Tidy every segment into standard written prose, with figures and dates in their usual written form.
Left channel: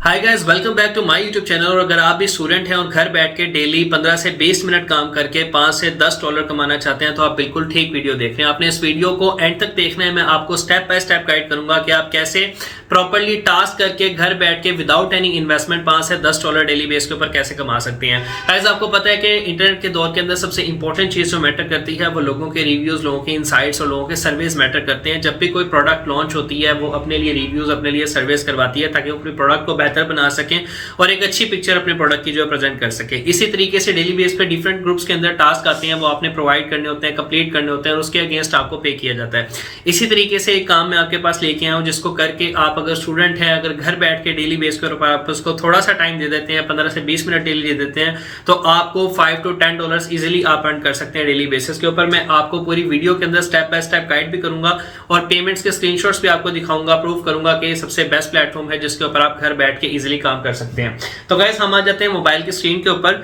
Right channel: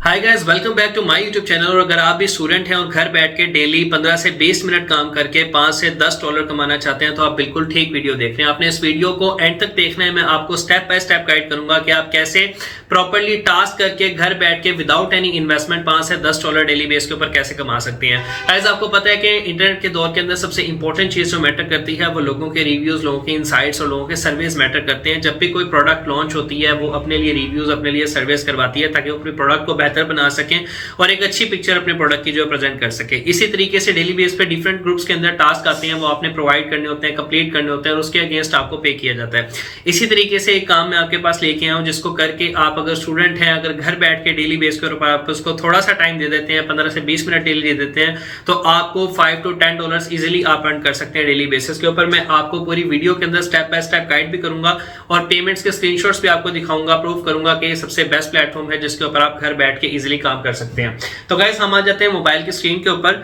Hi guys, welcome back to my YouTube channel. और अगर आप भी स्टूडेंट हैं और घर बैठ के डेली 15 से 20 मिनट काम करके 5 से 10 डॉलर कमाना चाहते हैं तो आप बिल्कुल ठीक वीडियो देख रहे हैं। आपने इस वीडियो को एंड तक देखना है। मैं आपको स्टेप बाय स्टेप गाइड करूंगा कि आप कैसे प्रॉपर्ली टास्क करके घर बैठ के विदाउट एनी इन्वेस्टमेंट 5 से 10 डॉलर डेली बेस के ऊपर कैसे कमा सकते हैं। गाइस, आपको पता है कि इंटरनेट के दौर के अंदर सबसे इंपॉर्टेंट चीज जो मैटर करती है वो लोगों के रिव्यूज, लोगों के इनसाइट्स और लोगों के सर्वेज मैटर करते हैं। जब भी कोई प्रोडक्ट लॉन्च होती है वो अपने लिए रिव्यूज, अपने लिए सर्वेज करवाती है ताकि वो अपने प्रोडक्ट को बेहतर बना सकें और एक अच्छी पिक्चर अपने प्रोडक्ट की जो प्रेजेंट कर सके। इसी तरीके से डेली बेस पे डिफरेंट ग्रुप्स के अंदर टास्क आते हैं, वो आपने प्रोवाइड करने होते हैं, कंप्लीट करने होते हैं और उसके अगेंस्ट आपको पे किया जाता है। इसी तरीके से एक काम मैं आपके पास लेके आया हूं जिसको करके आप अगर स्टूडेंट हैं, अगर घर बैठ के डेली बेस के ऊपर आप उसको थोड़ा सा टाइम दे देते हैं, 15 से 20 मिनट डेली दे देते हैं, तो आपको 5 to 10 डॉलर इजिली आप अर्न कर सकते हैं डेली बेसिस के ऊपर। मैं आपको पूरी वीडियो के अंदर स्टेप बाय स्टेप गाइड भी करूंगा और पेमेंट्स के स्क्रीनशॉट्स भी आपको दिखाऊंगा, प्रूव करूंगा कि ये सबसे बेस्ट प्लेटफॉर्म है जिसके ऊपर आप घर बैठ के इजिली काम कर सकते हैं। तो गाइस, हम आ जाते हैं मोबाइल की स्क्रीन के ऊपर।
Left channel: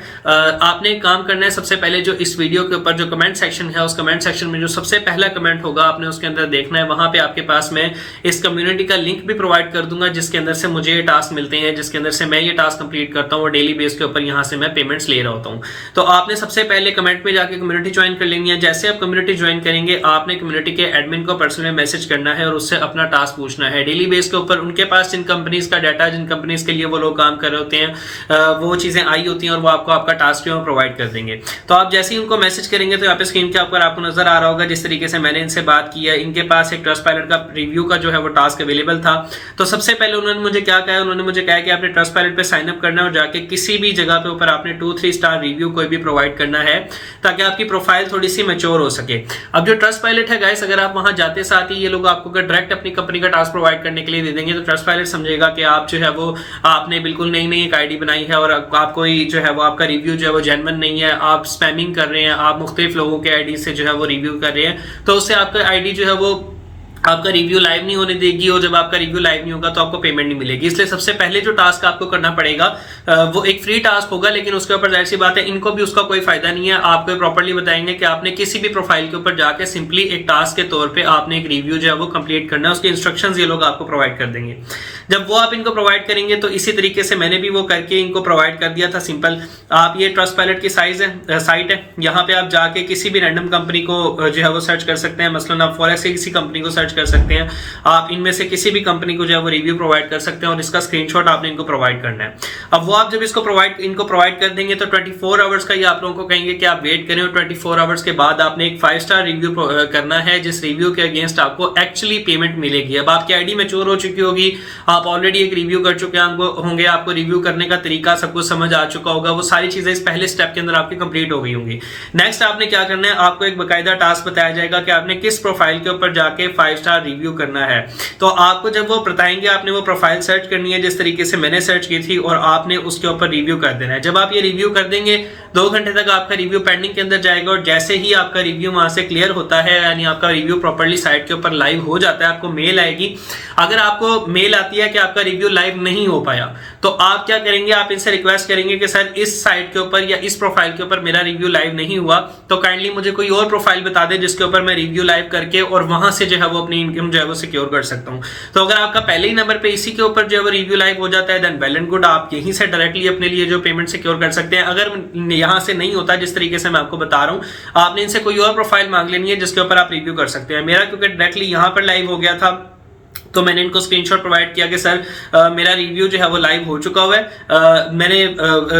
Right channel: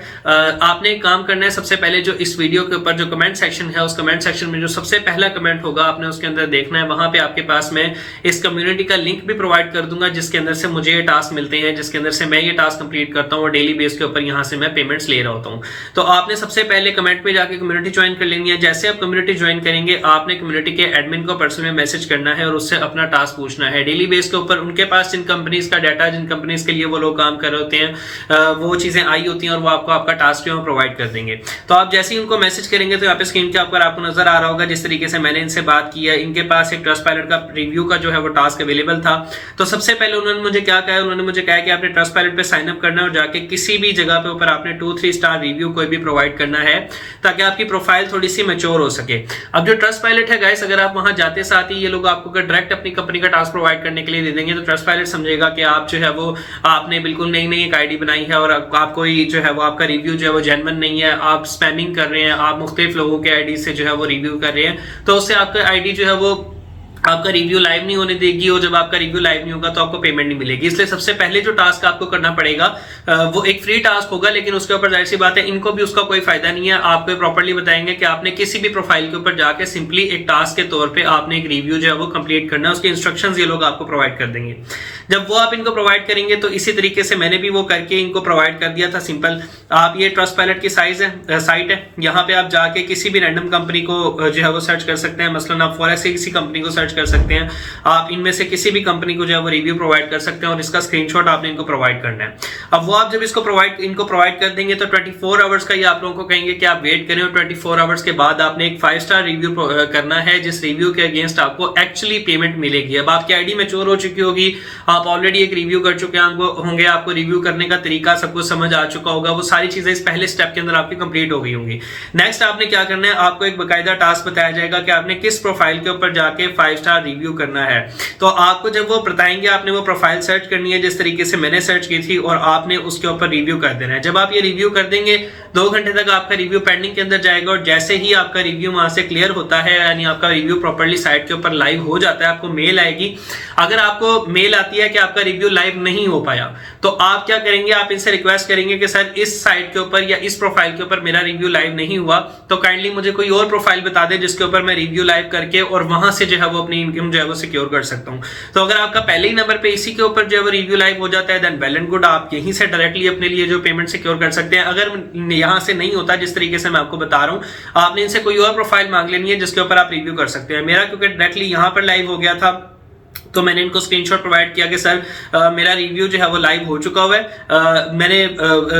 आपने एक काम करना है, सबसे पहले जो इस वीडियो के ऊपर जो कमेंट सेक्शन है, उस कमेंट सेक्शन में जो सबसे पहला कमेंट होगा आपने उसके अंदर देखना है। वहां पे आपके पास मैं इस कम्युनिटी का लिंक भी प्रोवाइड कर दूंगा जिसके अंदर से मुझे ये टास्क मिलते हैं, जिसके अंदर से मैं ये टास्क कंप्लीट करता हूं और डेली बेस के ऊपर यहां से मैं पेमेंट्स ले रहा होता हूं। तो आपने सबसे पहले कमेंट में जाके कम्युनिटी ज्वाइन कर लेनी है। जैसे आप कम्युनिटी ज्वाइन करेंगे आपने कम्युनिटी के एडमिन को पर्सनली मैसेज करना है और उससे अपना टास्क पूछना है डेली बेस के ऊपर। उनके पास जिन कंपनीज का डाटा, जिन कंपनीज के लिए वो लोग काम कर रहे होते हैं, वो चीजें आई होती हैं और वो आपको आपका टास्क जो प्रोवाइड कर देंगे। तो आप जैसे ही उनको मैसेज करेंगे तो यहाँ पे स्क्रीन के ऊपर आपको नजर आ रहा होगा जिस तरीके से मैंने इनसे बात की है। इनके पास एक ट्रस्टपाइलट का रिव्यू का जो है वो टास्क अवेलेबल था। तो सबसे पहले उन्होंने मुझे क्या कहा, उन्होंने मुझे कहा कि आपने ट्रस्टपाइलट पे साइन अप करना है और जाके किसी भी जगह पे ऊपर आपने 2-3 स्टार रिव्यू कोई भी प्रोवाइड करना है ताकि आपकी प्रोफाइल थोड़ी सी मैच्योर हो सके। अब जो ट्रस्टपाइलट है गाइस, अगर आप वहां जाते साथ ही ये लोग आपको डायरेक्ट अपनी कंपनी का टास्क प्रोवाइड करने के लिए दे देंगे तो ट्रस्टपाइलट समझेगा कि आप जो है वो आपने बिल्कुल नई नई एक आईडी बनाई है और आप कोई जो है वो आपका रिव्यू जो है वो जेन्युइन नहीं है, आप स्पैमिंग कर रहे हैं, आप मुख्तलिफ लोगों के आईडी से जो है वो रिव्यू कर रहे हैं, तो उससे आपका आईडी जो है वो आपका रिव्यू लाइव नहीं होने देगी और जब आपका रिव्यू लाइव नहीं होगा तो आपको पेमेंट नहीं मिलेगी। इसलिए सबसे पहले जो टास्क आपको करना पड़ेगा वो एक फ्री टास्क होगा, लेकिन उसके ऊपर जाहिर सी बात है इनको भी उसका कोई फायदा नहीं है। आपको प्रॉपर्ली बताएंगे कि आपने किसी भी प्रोफाइल के ऊपर जाके सिंपली एक टास्क के तौर पे आपने एक रिव्यू जो है वो कंप्लीट करना है। उसके इंस्ट्रक्शंस ये लोग आपको प्रोवाइड कर देंगे। जब वो आप इनको प्रोवाइड करेंगे तो इसी तरीके से मैंने भी वो करके इनको प्रोवाइड कर दिया था। सिंपल, आप ये ट्रस्टपाइलट की साइट है, यहाँ पे आप जाके किसी भी रैंडम कंपनी को जो है वो सर्च कर सकते हैं। मसलन आप फॉरेक्स की किसी कंपनी को सर्च कर सकते हैं, आप इनमें से किसी भी कंपनी को जो है वो रिव्यू प्रोवाइड कर सकते हैं और इसका स्क्रीनशॉट आपने इनको प्रोवाइड करना है। अब वो आप जब इनको प्रोवाइड कर देंगे तो 24 आवर्स का ये आप लोगों को कहेंगे कि आप वेट करें और 24 आवर्स के बाद आपने एक 5 स्टार रिव्यू करना है जिस रिव्यू के अगेंस्ट आपको एक्चुअली पेमेंट मिलेगी। अब आपकी आईडी मैच्योर हो चुकी होगी, आप ऑलरेडी एक रिव्यू कर चुके होंगे, आपको रिव्यू करने का तरीका सब कुछ समझ आ चुका होगा, वो सारी चीजें इस पहले स्टेप के अंदर आपकी कंप्लीट हो गई होंगी। नेक्स्ट आपने क्या करना है, आपको एक बकायदा टास्क बताया जाएगा कि आपने किस प्रोफाइल के ऊपर जाके 5 स्टार रिव्यू करना है। तो आपको जब वो बताएंगे आपने वो प्रोफाइल सर्च करनी है जिस तरीके से मैंने सर्च की थी और आपने उसके ऊपर रिव्यू कर देना है। जब आप ये रिव्यू कर देंगे 2 घंटे तक आपका रिव्यू पेंडिंग के अंदर जाएगा और जैसे ही आपका रिव्यू वहां से क्लियर होता है, यानी आपका रिव्यू प्रॉपर्ली साइट के ऊपर लाइव हो जाता है, आपको मेल आएगी। अगर आपको मेल आती है कि आपका रिव्यू लाइव नहीं हो पाया तो आप क्या करेंगे, आप इनसे रिक्वेस्ट करेंगे कि सर इस साइट के ऊपर या इस प्रोफाइल के ऊपर मेरा रिव्यू लाइव नहीं हुआ, तो काइंडली मुझे कोई और प्रोफाइल बता दे जिसके ऊपर मैं रिव्यू लाइव करके और वहां से जो है वो अपनी इनकम जो है वो सिक्योर कर सकता हूं। तो अगर आपका पहले ही नंबर पे इसी के ऊपर जो है वो रिव्यू लाइव हो जाता है देन वेल एंड गुड, आप यहीं से डायरेक्टली अपने लिए जो पेमेंट सिक्योर कर सकते हैं। अगर यहां से नहीं होता जिस तरीके से मैं आपको बता रहा हूं, आपने इनसे कोई और प्रोफाइल मांग लेनी है जिसके ऊपर आप रिव्यू कर सकते हैं। मेरा क्योंकि डायरेक्टली यहां पर लाइव हो गया था तो मैंने इनको स्क्रीनशॉट प्रोवाइड किया कि सर मेरा रिव्यू जो है वो लाइव हो चुका हुआ है। मैंने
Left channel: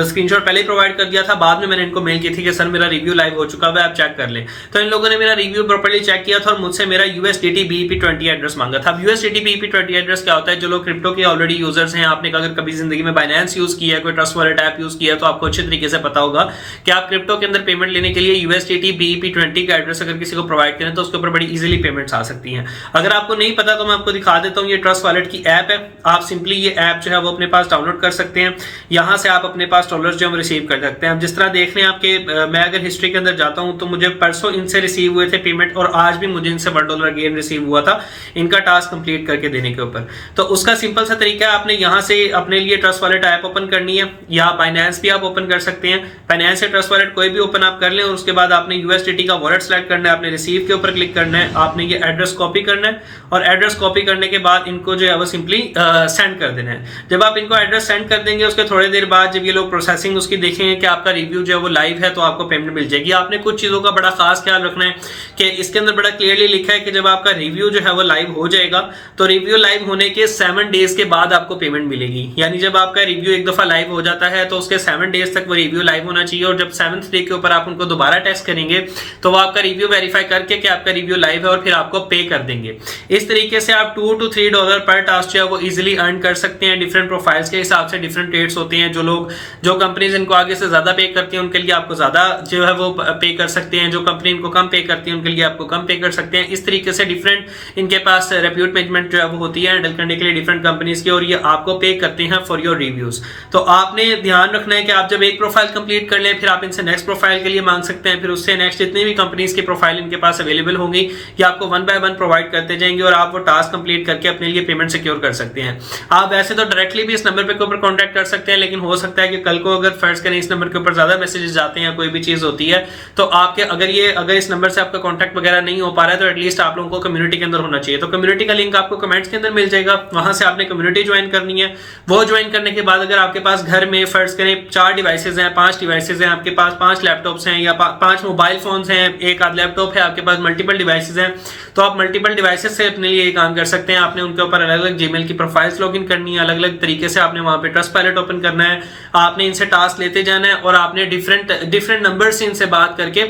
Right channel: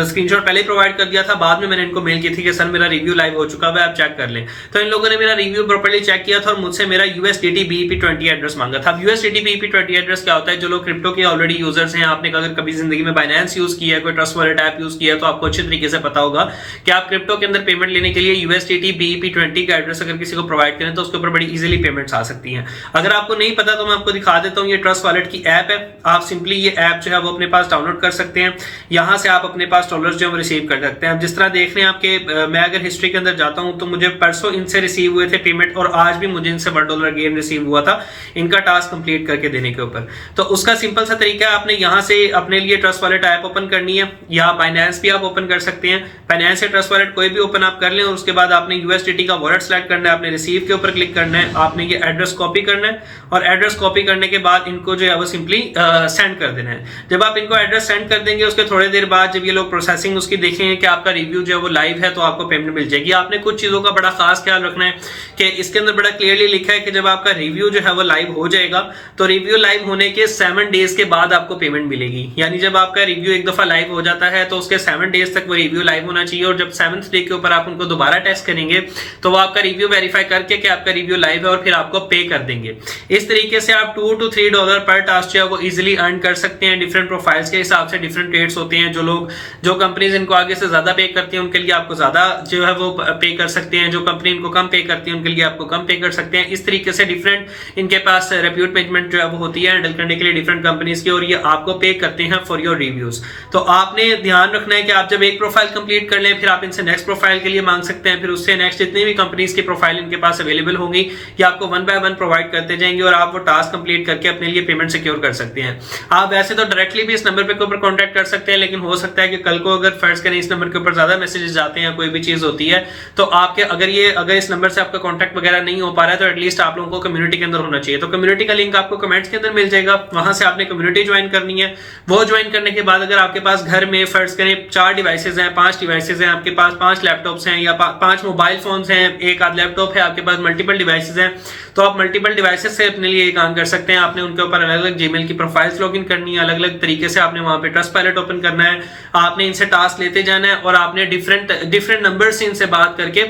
स्क्रीनशॉट पहले ही प्रोवाइड कर दिया था, बाद में मैंने इनको मेल की थी कि सर मेरा रिव्यू लाइव हो चुका हुआ है, आप चेक कर लें। तो इन लोगों ने मेरा रिव्यू प्रॉपर्ली चेक किया था और मुझसे मेरा USDT BEP20 एड्रेस मांगा था। USDT BEP20 एड्रेस क्या होता है, जो लोग क्रिप्टो के ऑलरेडी यूजर्स हैं, आपने अगर कभी जिंदगी में बाइनेंस यूज किया है, कोई ट्रस्ट वॉलेट ऐप यूज किया है, तो आपको अच्छे तरीके से पता होगा कि आप क्रिप्टो के अंदर पेमेंट लेने के लिए USDT BEP20 का एड्रेस अगर किसी को प्रोवाइड करें तो उसके ऊपर बड़ी इजीली पेमेंट्स आ सकती हैं। अगर आपको नहीं पता तो मैं आपको दिखा देता हूँ, ये ट्रस्ट वॉलेट की ऐप है। आप सिंपली ये ऐप जो है वो अपने पास डाउनलोड कर सकते हैं, यहां से आप अपने पास डॉलर्स जो है रिसीव कर सकते हैं। जिस तरह देख रहे हैं आपके, मैं अगर हिस्ट्री के अंदर जाता हूं तो मुझे परसों इनसे रिसीव हुए थे पेमेंट और आज भी मुझे इनसे $1 अगेन रिसीव हुआ था इनका टास्क कंप्लीट करके देने के ऊपर। तो उसका सिंपल सा तरीका है, आपने यहां से अपने लिए ट्रस्ट वॉलेट ऐप ओपन करनी है, या बाइनेंस भी आप ओपन कर सकते हैं। बाइनेंस से ट्रस्ट वॉलेट कोई भी ओपन आप कर लें और उसके बाद आपने USDT का वॉलेट सेलेक्ट करना है, आपने रिसीव के ऊपर क्लिक करना है, आपने ये एड्रेस कॉपी करना है और एड्रेस कॉपी करने के के बाद इनको जो है वो सिंपली सेंड कर देना है। जब आप इनको एड्रेस सेंड कर देंगे उसके थोड़ी देर बाद जब ये लोग प्रोसेसिंग उसकी देखेंगे कि आपका रिव्यू जो है वो लाइव है तो आपको पेमेंट मिल जाएगी। आपने कुछ चीजों का बड़ा खास ख्याल रखना है कि इसके अंदर बड़ा क्लियरली लिखा है कि जब आपका रिव्यू जो है वो लाइव हो जाएगा तो रिव्यू लाइव होने के 7 डेज के बाद आपको पेमेंट मिलेगी। यानी जब आपका रिव्यू एक दफा लाइव हो जाता है तो उसके 7 डेज तक वो रिव्यू लाइव होना चाहिए और जब 7th डे के ऊपर आप उनको दोबारा टेस्ट करेंगे तो वो आपका रिव्यू वेरीफाई करके कि आपका रिव्यू लाइव है और फिर आपको पे कर देंगे। इस तरीके से आप $2 to $3 पर टास्क जो है वो इजीली अर्न कर सकते हैं। डिफरेंट प्रोफाइल्स के हिसाब से डिफरेंट रेट्स होते हैं। जो कंपनीज इनको आगे से ज्यादा पे करती हैं उनके लिए आपको ज्यादा जो है वो पे कर सकते हैं, जो कंपनी इनको कम पे करती है उनके लिए आपको कम पे कर सकते हैं। इस तरीके से डिफरेंट इनके पास रेप्यूट मैनेजमेंट जो है वो होती है हैंडल करने के लिए डिफरेंट कंपनीज की, और ये आपको पे करते हैं फॉर योर रिव्यूज। तो आपने ध्यान रखना है कि आप जब एक प्रोफाइल कंप्लीट कर लें फिर आप इनसे नेक्स्ट प्रोफाइल के लिए मांग सकते हैं, फिर उससे नेक्स्ट जितनी भी कंपनीज की प्रोफाइल इनके पास अवेलेबल होंगी ये आपको 1 by 1 प्रोवाइड करते जाएंगे और आप वो टास्क कंप्लीट करके अपने लिए पेमेंट सिक्योर कर सकते हैं। आप वैसे तो डायरेक्टली भी इस नंबर पे के ऊपर कांटेक्ट कर सकते हैं, लेकिन हो सकता है कि कल को अगर फर्ज करें इस नंबर के ऊपर ज्यादा मैसेजेस आते हैं, कोई भी चीज होती है तो आपके अगर इस नंबर से आपका कांटेक्ट वगैरह नहीं हो पा रहा है तो एटलीस्ट आप लोगों को कम्युनिटी के अंदर होना चाहिए। तो कम्युनिटी का लिंक आपको कमेंट्स के अंदर मिल जाएगा, वहां से आपने कम्युनिटी ज्वाइन करनी है। वो ज्वाइन करने के बाद अगर आपके पास घर में फर्ज करें 4 डिवाइसेज हैं, 5 डिवाइसेज हैं, आपके पास 5 लैपटॉप्स हैं या 5 मोबाइल फोन्स हैं, एक आध लैपटॉप है, आपके पास मल्टीपल डिवाइसेज हैं, तो आप मल्टीपल डिवाइसेज से अपने लिए काम कर सकते हैं। आपने उनके ऊपर अलग अलग जीमेल की प्रोफाइल्स लॉगिन करनी है, अलग अलग तरीके से आपने वहां पे ट्रस्टपायलट ओपन करना है, आपने इनसे टास्क लेते जाना है और आपने डिफरेंट नंबर से इनसे बात करके,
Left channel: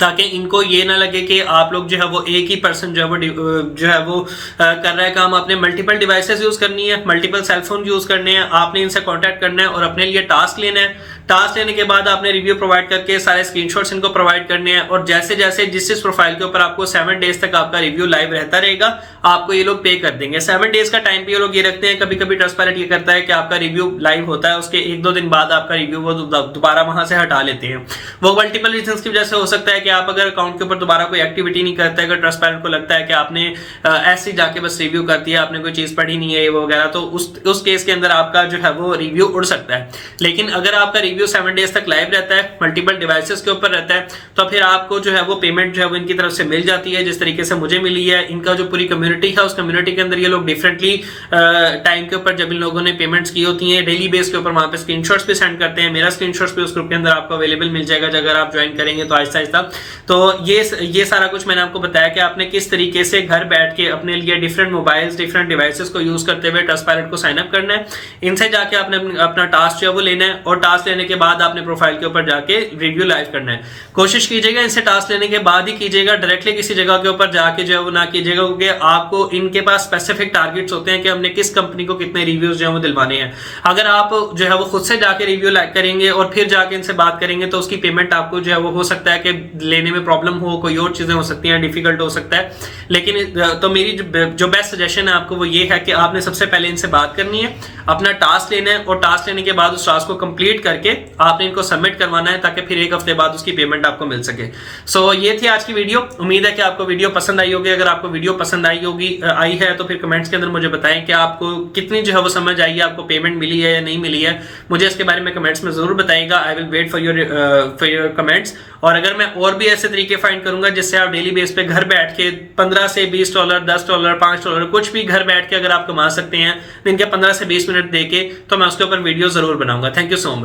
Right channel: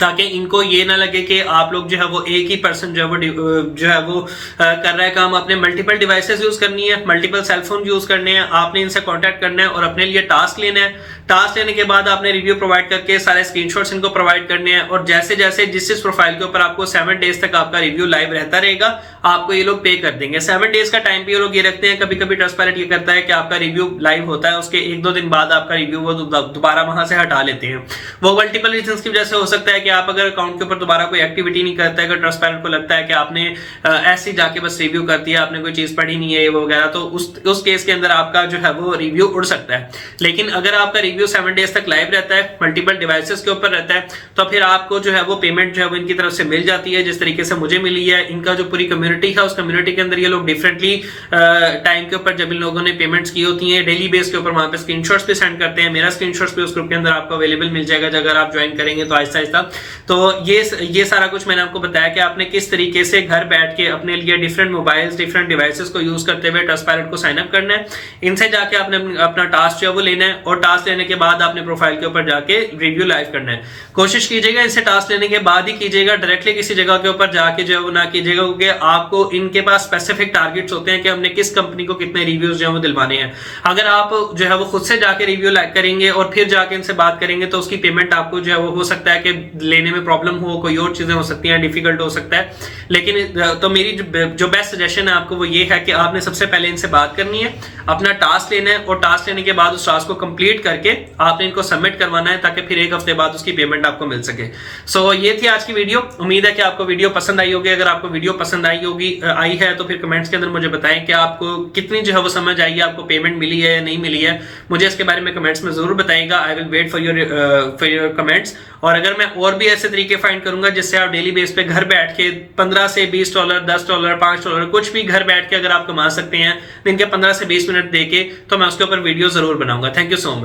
ताकि इनको ये ना लगे कि आप लोग जो है वो एक ही पर्सन जो है वो कर रहा है काम। आपने मल्टीपल डिवाइसेस यूज करनी है, मल्टीपल सेलफोन यूज करने हैं, आपने इनसे कांटेक्ट करना है और अपने लिए टास्क लेना है। टास्क लेने के बाद आपने रिव्यू प्रोवाइड करके सारे स्क्रीनशॉट्स इनको प्रोवाइड करने हैं और जैसे जैसे जिस प्रोफाइल के ऊपर आपको 7 डेज तक आपका रिव्यू लाइव रहता रहेगा आपको ये लोग पे कर देंगे। 7 डेज का टाइम भी ये लोग ये रखते हैं। कभी कभी ट्रस्टपायलट ये करता है कि आपका रिव्यू लाइव होता है उसके 1-2 दिन बाद आपका रिव्यू वो दोबारा वहां से हटा लेते हैं। वो मल्टीपल रीजंस की वजह से हो सकता है कि आप अगर अकाउंट के ऊपर दोबारा कोई एक्टिविटी नहीं करता है, अगर ट्रस्टपायलट को लगता है कि आपने ऐसे ही जाके बस रिव्यू कर दिया, आपने कोई चीज पढ़ी नहीं है वगैरह, तो उस केस के अंदर आपका जो है वो रिव्यू उड़ सकता है। लेकिन अगर आपका रिव्यू 7 डेज तक लाइव रहता है, मल्टीपल डिवाइसेस के ऊपर रहता है, तो फिर आपको जो है वो पेमेंट जो है वो इनकी तरफ से मिल जाती है जिस तरीके से मुझे मिली है। इनका जो पूरी कम्युनिटी है उस कम्युनिटी के अंदर ये लोग डिफरेंटली टाइम के ऊपर जब इन लोगों ने पेमेंट्स की होती हैं डेली बेस के ऊपर वहां पे स्क्रीनशॉट्स भी सेंड करते हैं। मेरा स्क्रीनशॉट्स भी उस ग्रुप के अंदर आपको अवेलेबल मिल जाएगा अगर आप ज्वाइन करेंगे तो आहिस्ता आहिस्ता। तो ये सारा कुछ मैंने आपको बताया कि आपने किस तरीके से घर बैठ के अपने लिए डिफरेंट मोबाइल्स डिफरेंट डिवाइसेस को यूज करते हुए ट्रस्टपायलट को साइन अप करना है। इनसे जाके आपने अपना टास्क जो है वो लेना है और टास्क लेने के बाद आपने प्रोफाइल के ऊपर जाके रिव्यू लाइव करना है। कोशिश कीजिएगा इनसे टास्क लेने के बाद ही कीजिएगा, डायरेक्टली किसी जगह के ऊपर जाके जो है वो ना कीजिएगा, क्योंकि आपको इनके पास स्पेसिफिक टारगेट्स होते हैं कि हमने किस कंपनी को कितने रिव्यूज जो है वो दिलवाने हैं। अगर आप जो है वो खुद से जाके रिव्यू लाइव करेंगे और फिर जाके इनसे बात करेंगे तो उसकी पेमेंट आपको जो है वो हो सकता है कि लेने में प्रॉब्लम हो, कोई और चीजें हो सकती हैं, डिफिकल्ट हो सकता है। लेकिन तो मेरी जो बेस्ट सजेशन है आपको वो ये है कि आपने सबसे पहले इनसे बात करनी है, अपना टास्क लेना है और टास्क लेने के बाद उस टास्क को कंप्लीट करके आपने इनको सबमिट करवाना है ताकि फिर 1 हफ्ते बाद उसकी पेमेंट आपको मिल सके। सो ये थी आज की वीडियो। उम्मीद है कि आपको वीडियो पसंद आई होगी। अगर आपको वीडियो पसंद आई है तो फिर कमेंट्स के अंदर मुझे बताएं कि आपको कितनी जो है वो समझ आई है, आपको पेमेंट मिली है या नहीं मिली है। मुझे इसके बारे में कमेंट्स में जरूर बताइएगा। I will wait for your comments. और अगर मैं और भी ऐसे तरीके फाइंड करूंगा जिससे आप डेली बेस पे घर बैठ के $15 से $20, $10, $5 कुछ भी घर बैठ के अगर आप कमा सकते हैं दिन के 15 से 20 मिनट देके, तो मैं उसके ऊपर वीडियो जरूर बनाऊंगा। Thank you so much.